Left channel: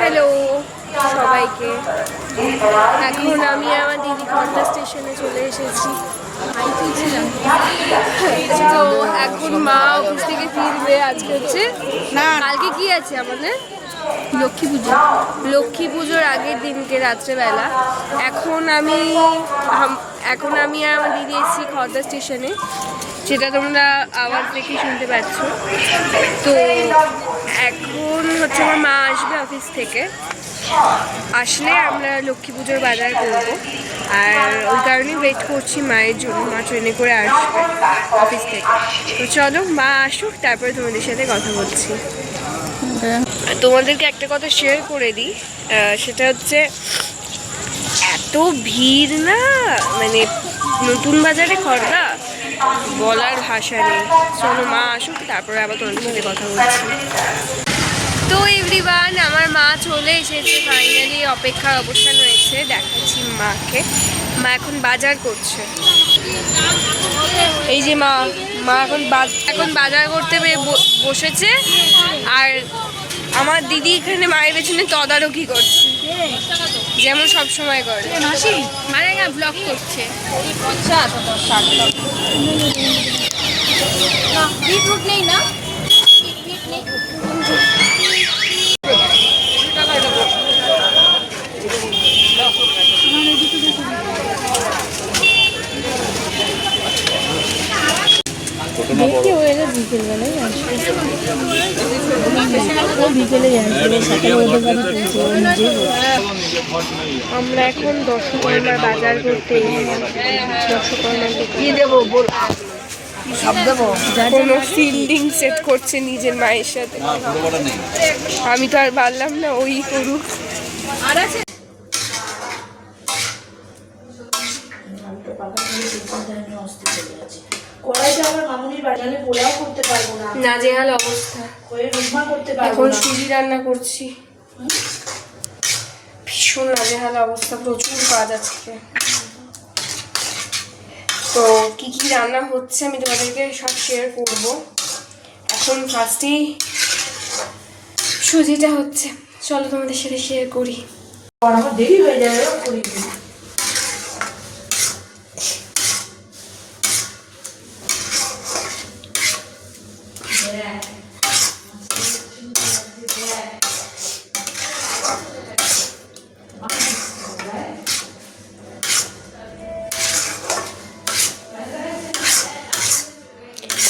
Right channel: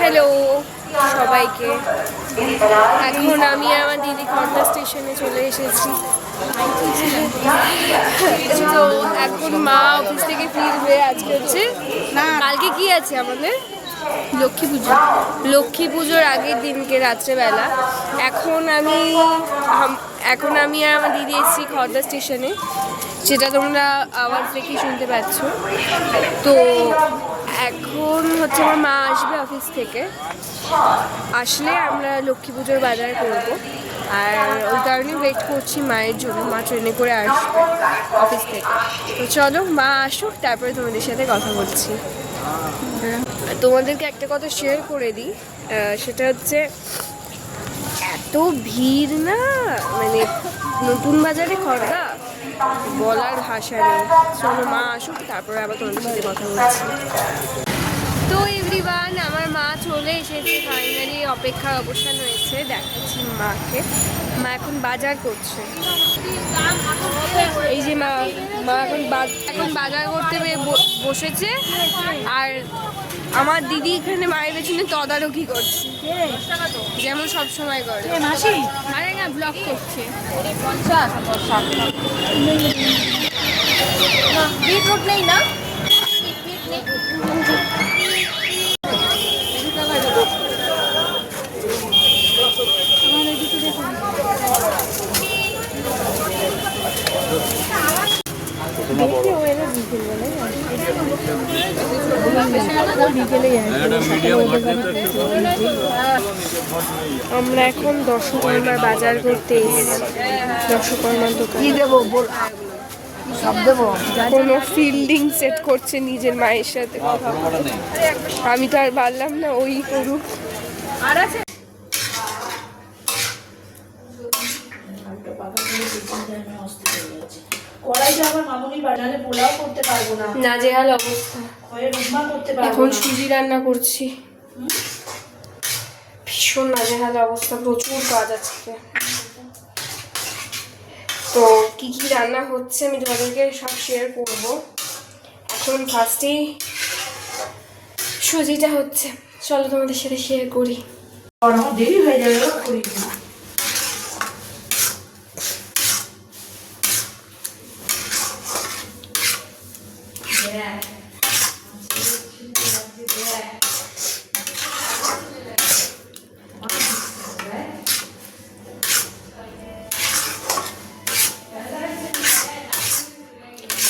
Hello সবাইকে। এখন আমি আমার দিদি কন্টা স্টেশনে চলে এসেছি। এখন মা অফিস থেকে ফিরবে আজকে হচ্ছে। না। কালকে কি আছে আমাদের? লক্ষ্মী পুজো। লক্ষ্মী পুজোর আগের দিনকে রাত্রেবেলা। এখন আমি এখন আমি আমার দিদি এসেছি খর্দা স্টেশনে। সেটা তোমরা আওয়াজ দেখে শুনতে পাচ্ছ। তো এখন হচ্ছে আমার মা আসবে অফিস থেকে। আসলে আমরা লক্ষ্মী পুজোর বাজার করব। আর ওই কারণে ওয়েট করছি মায়ের জন্য। মা ট্রেনে করে আসবে অফিস থেকে। তো চলো, মা আসুক, তারপরে তোমাদের সাথে কথা বলছি। তোমাদেরকে একটা কথা শেয়ার করে দিই। সেটা হচ্ছে এত ভিড় না? মানে নতুন বাজারে খরদা বলার ভাষা নেই। চলো মা আসুক তারপরে আবার তোমাদের সাথে কথা বলছি। তো এভরিওয়ান আমার মা চলে এসেছে ফাইনালি অপেক্ষার অবসান হয়েছে, দেখাচ্ছি মাকে। মা এখন বাজার করছে। এই যে মা মা এখন এখন বাজার করতে বসেছে। আর আমার দিদি এখানে মায়ের পেছনে তদারকি করছে। যেমন সব সময় করে। মানে না ব্লগ করছে। বিটরুট নেই না দেখি ও এলে বিকেলবেলায় আসবে বিকেলেই আসবে সকালে ওদের বলছে। আমরা এখন দশকর্মার বাজার করতে দশকর্মার কি দেবো? বল। সব দেবো? কোনো ফিল্ডিং সেট করছে নিজের মায়ের সাথে। আমি তো আর পারলাম না ওই করুক। কড়াইটা আবার মামুনির বাড়ি নাহলে পোলাও করতে পারব না। অবস্থা। রুমা করতে পারব এখন সুজি রান্না করছি। ভীষণ নাজেহাল অবস্থা প্রচুর কাজ আজকে। তো কি কি রান্না হচ্ছে আমি তোমাদেরকে সব শেয়ার করব। এখন ফার্স্টেই সুজিটা হচ্ছে। চলো তোমাদের সাথে শেয়ার করি। আর আমার দেরি হয়ে যাবে ও করি দিই।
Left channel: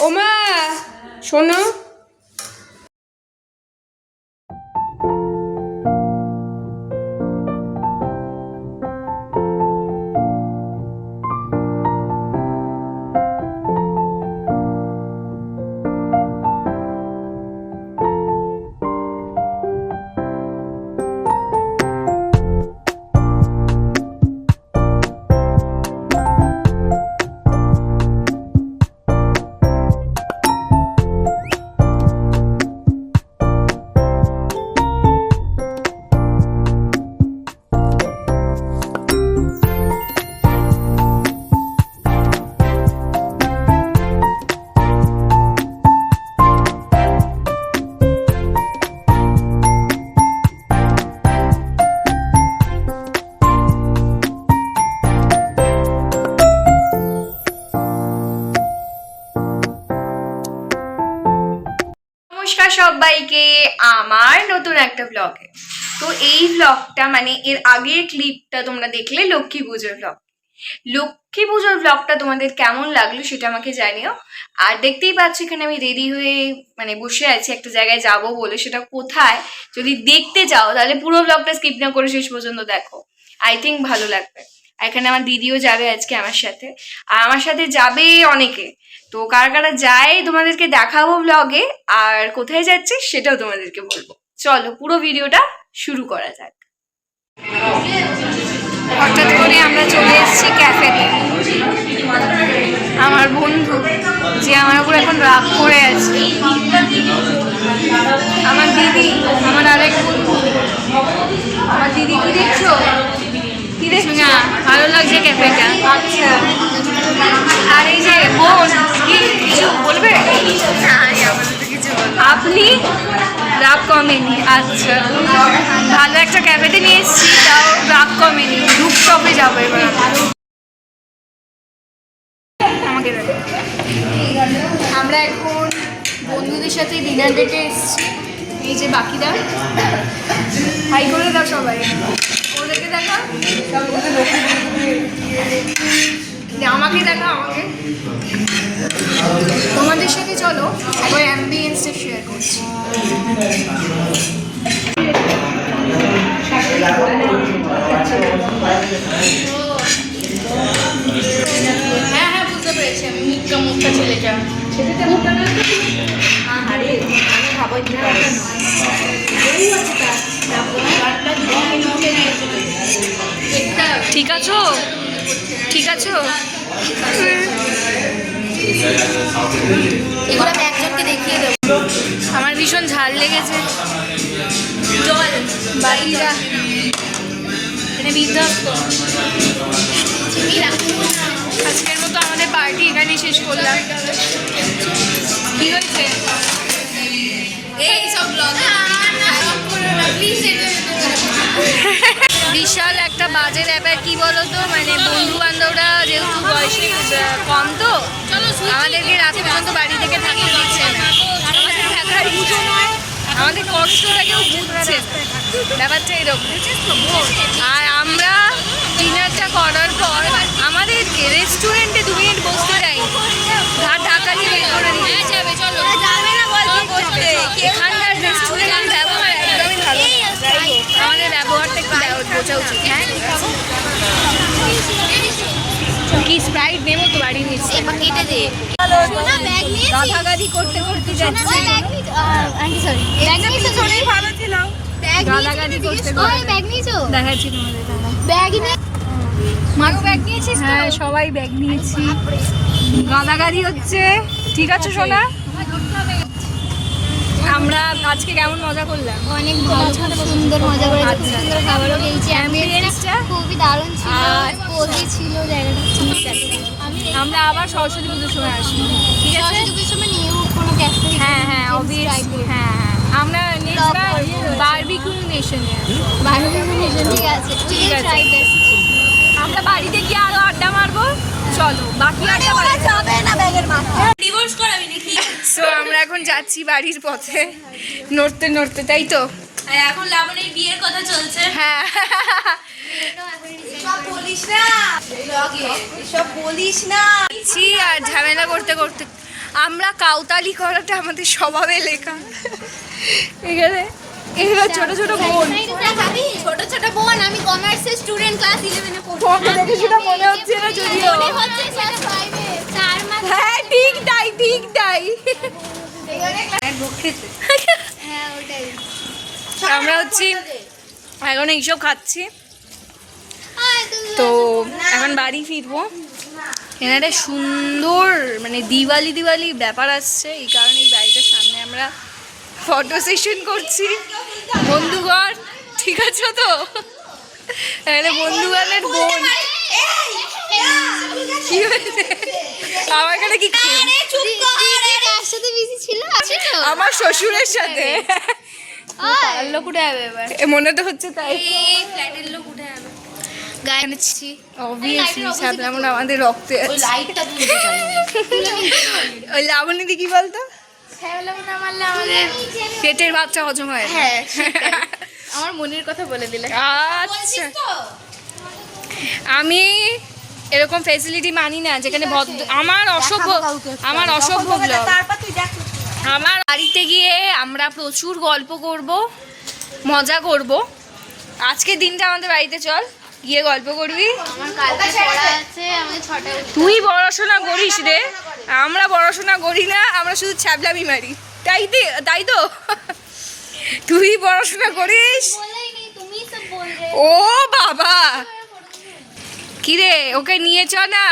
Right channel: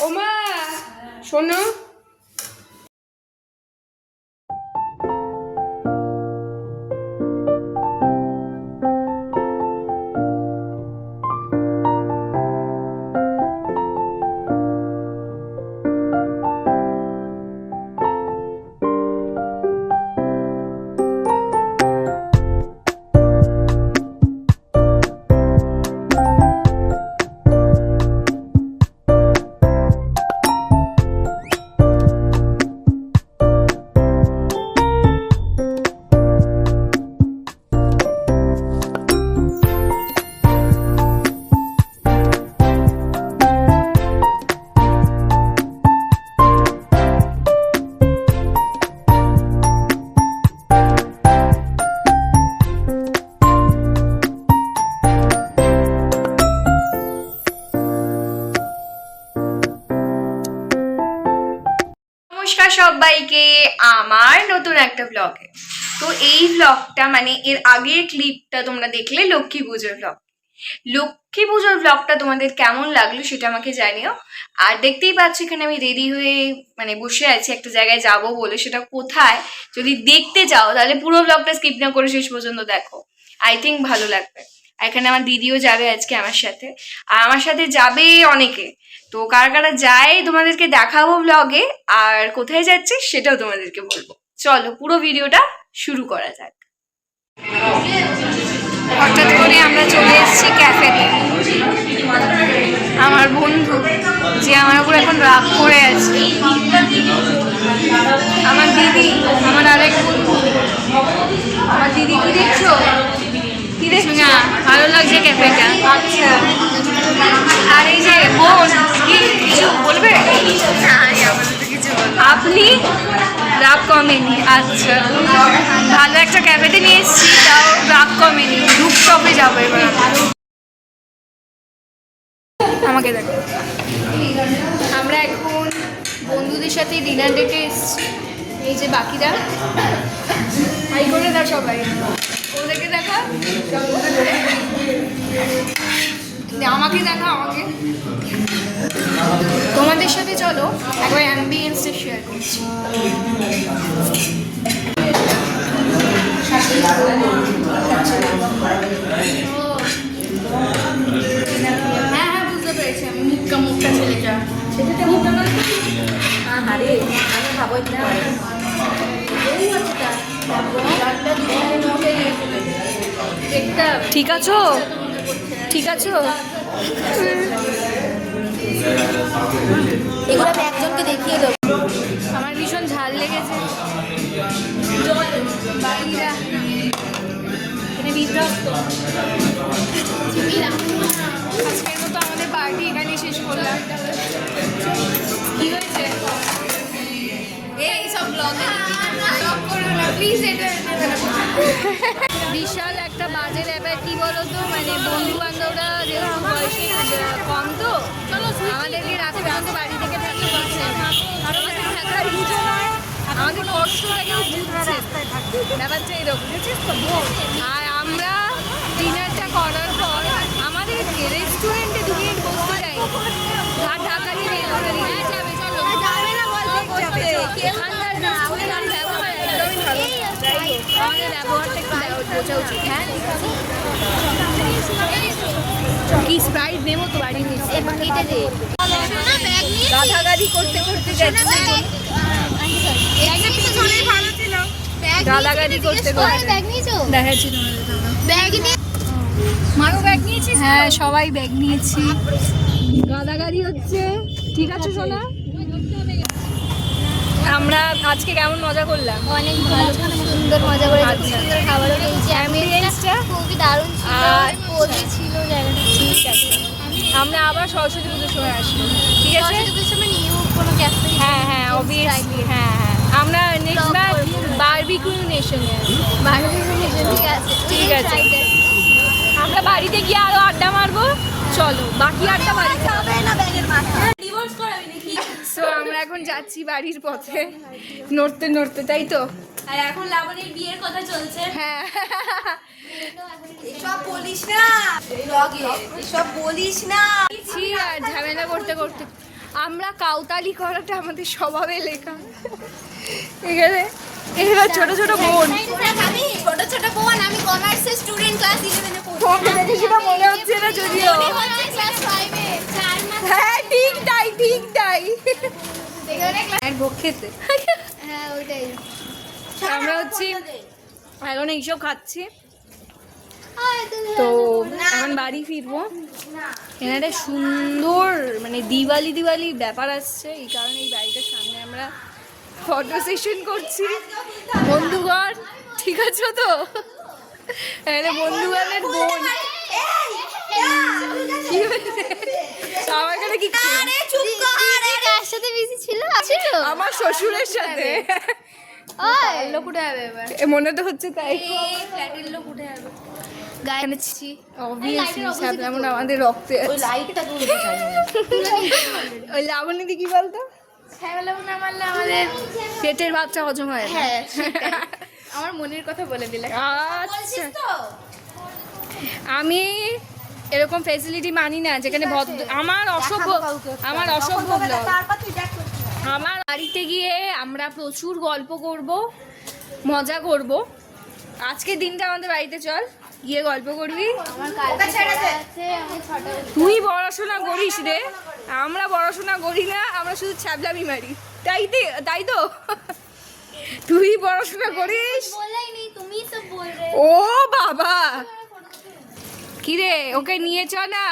ওমা শোনো সবাইকে আমার নতুন একটা ব্লগে তো এই ব্লগটা মানে এর আগের ক্লিপটা তোমরা দেখলে লক্ষ্মী পুজোর ব্লগ লক্ষ্মী পুজোর ব্লগটা তোমাদের কেমন লাগল সেটা আমাকে জানিও। আর দেখতেই পাচ্ছ এখানে আমি রেডি হয়ে মানে বসে আছি, একটা জায়গায় যাব বলে। সেটা কোথায়? যদি দেখতে চাও, তাহলে পুরো ব্লগটা স্কিপ না করে শেষ পর্যন্ত দেখো। আই থিঙ্ক ভালো লাগবে। এখানে আমার দিদিও যাবে আজকে আমার সাথে। আর আমার সাথে যাবে অনেকে। তো কারা কারা যায় তোমাদেরকে দেখাবো ব্লগে আর কোথায় যাচ্ছে সেটাও তোমাদেরকে বলব। চলো, পুরো ভিডিওটা শুরু করা যাক। হঠাৎ করে আমরা চলে এসেছি ক্যাফেতে আমার বন্ধু, যে আমার উপর এখন রাগ করে আছে। আমার দিদি, আমার আরেক বন্ধু। আমার দিদি কি দেখছ? কি দেখছ না ভালো লাগছে ক্যাফেটা। আচ্ছা। আর এই যে বোন কি কিছু বলবে? আপনি? রাগ কমেনি আচ্ছা। ভালো একটা ক্যাফেতে নিয়ে এসেছি তাও রাগ কমেনি রুপটপে যাব এবার। আমরা। আমাকে আমরা এখন বন্ধুদের সাথে ডিনার ডেটে এসেছি। এই যে বাকিরা। হাই করে দাও সবাই। ওদেরকে দেখো। আমাকে দেখো আমাকে। তোমাদের সাথে চলো একবার অ্যাম্বিয়েন্সটা শেয়ার করছি। ঠিক আছো? ঠিক আছো? এগুলো একজনকে দেখিয়ে দেবো। আমার ভীষণ ঝাল লেগেছে। এনে বিধ্বস্ত আজকের মতো আমাদের পার্টি এখানে শেষ করলাম। কি হয়েছে? এই সব বিশাল একটা বাজে ব্যাপার, কি বলতো? মানে বন্ধু বান্ধবরা যেহেতু বয়স কম তো, আমাদেরকে রাত পর্যন্ত বাড়ি থেকে থাকতে দিচ্ছে আমাদের কষ্টটা কেউ বুঝছে ব্যাপারটা এরকম। আর আমরা ডিনারটা করার পর আমাদেরকে রেস্টুরেন্টে দু মিনিট বসতে যাই ঘাট ঢাকা দিয়ে বের করে নিয়ে যাবে চলো এখানকার রেস্টুরেন্টের ব্যবহার একদমই ভালো না। আমাদের ব্যবহারটা একটু ব্যব- বোঝা উচিত হ্যাঁ কি স্প্রাইট নেব তো বাড়ি কেটে দিয়ে। গালাগালি করতে করতে যাচ্ছি। ভালো ছিল। গালাগালি করতে করতে। দেখাচ্ছি তোমাদের মারও ব্যাগ নিয়েছিস হ্যাঁ সবাই ব্যাগ নিয়েছি। গাঁদাগাড়ি হচ্ছে। ঠিক আছে সোনা? আমরা আজকে কেমন মজা করলাম? অনেক ভালো সুন্দর মজা করে আচ্ছা। সুন্দর খাবার পেয়েছি Ambience-টা খুবই দারুণ ছিল। আর পোতে ছিল ঠিক আছে আমরা আবার সরস্বতী পুজোর সময় আসব। ঠিক আছে? সরস্বতী পুজোর সময় নিউ কোনো ক্যাফে হ্যাঁ হ্যাঁ অবভিয়াসলি হ্যাঁ হ্যাঁ। আমরা নেক্সট বার বারবিকিউ নেশনে ঠিক আছে। আমরা বাড়িতে গিয়ে আরও আড্ডা মারবো। চলো বাকি আড্ডা যাবে না ব্যাগের মাথায় সো আমরা এখন যাচ্ছি বাড়ির পথে। নড়তে নড়তে তাই তো? এখন লাবণীর বিয়ের কথা চলছে। হ্যাঁ। আর ঝামেলা করতে করতে। আমরা কাউতালি করাটা আমাদের স্বভাবে লেখা। এখানে এগুলো ছোট ছোট বোন। ছোট ছোট বোন আমি কমার্সের স্টুডেন্ট ক্লাস 11 এ পড়ি সেটা মনে হচ্ছে না যদিও। হচ্ছে ক্লাস 5 এ চার মাস হ্যাঁ ঠিক তাই ঠিক তাই। হ্যাঁ ওটাই আমরা হচ্ছি এখন এইসব খাচ্ছি তো এখন বাড়ি ফিরবো এখানে একটা সুন্দর মানে দিওয়ালি দিওয়ালি ব্যাপার আসছে এই কারণে এই বাড়িটার সামনে আমরা ফটো সেশন করছি বন্ধুগণ ঠিক আছে তো এখানে বন্ধুগণের বোন কি হয়েছে আমার এখানে কি কর সাথে বিজি ছিল? ছিল আমার শ্বশুরের সাথে। ওই। লোক উঠে যাবে এবার। মনে তো হচ্ছে তাই। এই ফ্ল্যাটের লোক উঠে আসবে। গায়ে অবভিয়াসলি আমাদের রক্তে লাইটটা ওই লাবণী দি কি বলতো? পেটের বাচ্চা হজম হয়। হ্যাঁ আমার মনের কথা বলে দিলে। আচ্ছা। আমি এরকম ফেসিলিটি মানি না যেখানে ভদ্র আমার অসভ্য আমার অসভ্য আমার বাড়িতে গিয়ে আমরা প্রচুর গল্প করব মজা করব। আজকের দিনটা আমাদের বাড়িতে চল গিয়ে গল্প করবি। তুই পড়াশোনা করিস রে। আমরা পড়াশোনা করি না আমরা শুধু ছ্যাবলামি মারি। তাই তাই তো? তুই পড়াশোনা করিস? বলেই নি তুমি সব বল রে ও বাবা! ওকে নিয়ে চ না।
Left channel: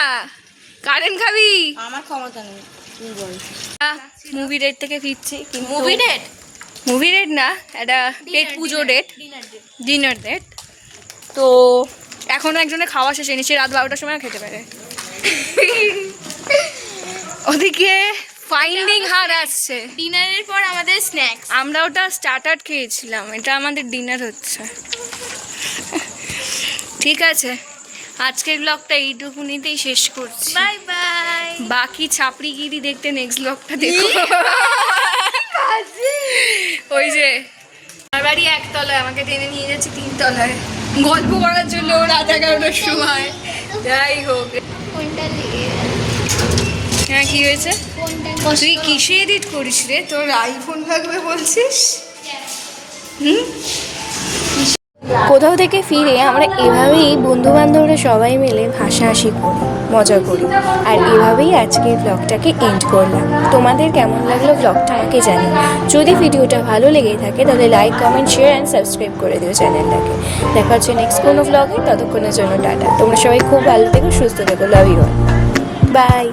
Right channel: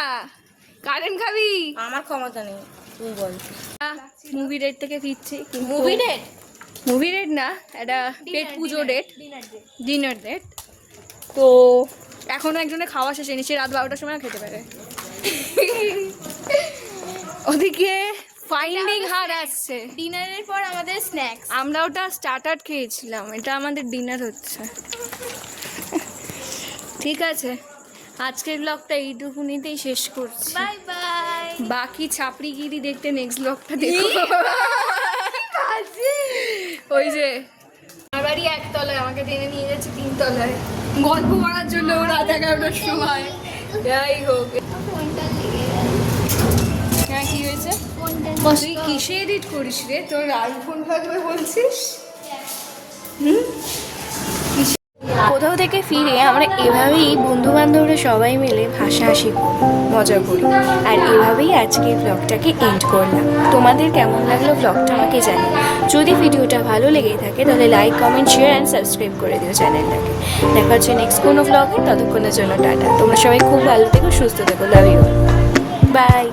কারেন্ট খাবি? আমার ক্ষমতা নেই। তুই বল। মুভি ডেট থেকে ফিরছি মুভি ডেট মুভি ডেট না একটা পেট পুজো ডেট ডিনার ডেট তো এখনও একজনের খাওয়া শেষ হয়নি সে রাত বারোটার সময় খেতে পারে। ওদিকে ফাইন্ডিং হার আসছে। ডিনারের পর আমাদের স্ন্যাক্স আমরা ওটা স্টার্টার খেয়েছিলাম এটা আমাদের ডিনার হচ্ছে। ঠিক আছে। আজকের ব্লগটা এইটুকুনিতেই শেষ করছি। Bye bye. বাকি ছাপড়িগিরি দেখতে নেক্সট ব্লগটা দেখো। ওই যে আমার বাড়ি একতলায় আমাকে টেনে নিয়ে যাচ্ছে তিনতলায়। গল্প করার জন্য রাত এগারোটার সময়। যাই হোক। হ্যাঁ কি হয়েছে? তুই কিসে এডিট করিস রে? তোর আইফোন থাকবে বলছিস? কোথাও থেকে ফিরে আমরা এভাবেই বন্ধু বান্ধবরা সবাই মিলে হাসাহাসি করি, মজা করি। আর এভাবেই আজকের ব্লগটাকে এন্ড করলাম। তোমাদের কেমন লাগল ব্লগটা আমাকে জানি যদি ভিডিওটা ভালো লেগে থাকে, তাহলে like comment share and subscribe করে দিও চ্যানেলটাকে। দেখা হচ্ছে নেক্সট কোনো ব্লগে ততক্ষণের জন্য টাটা। তোমরা সবাই খুব ভালো থেকো, সুস্থ থেকো লাভ ইউ বাই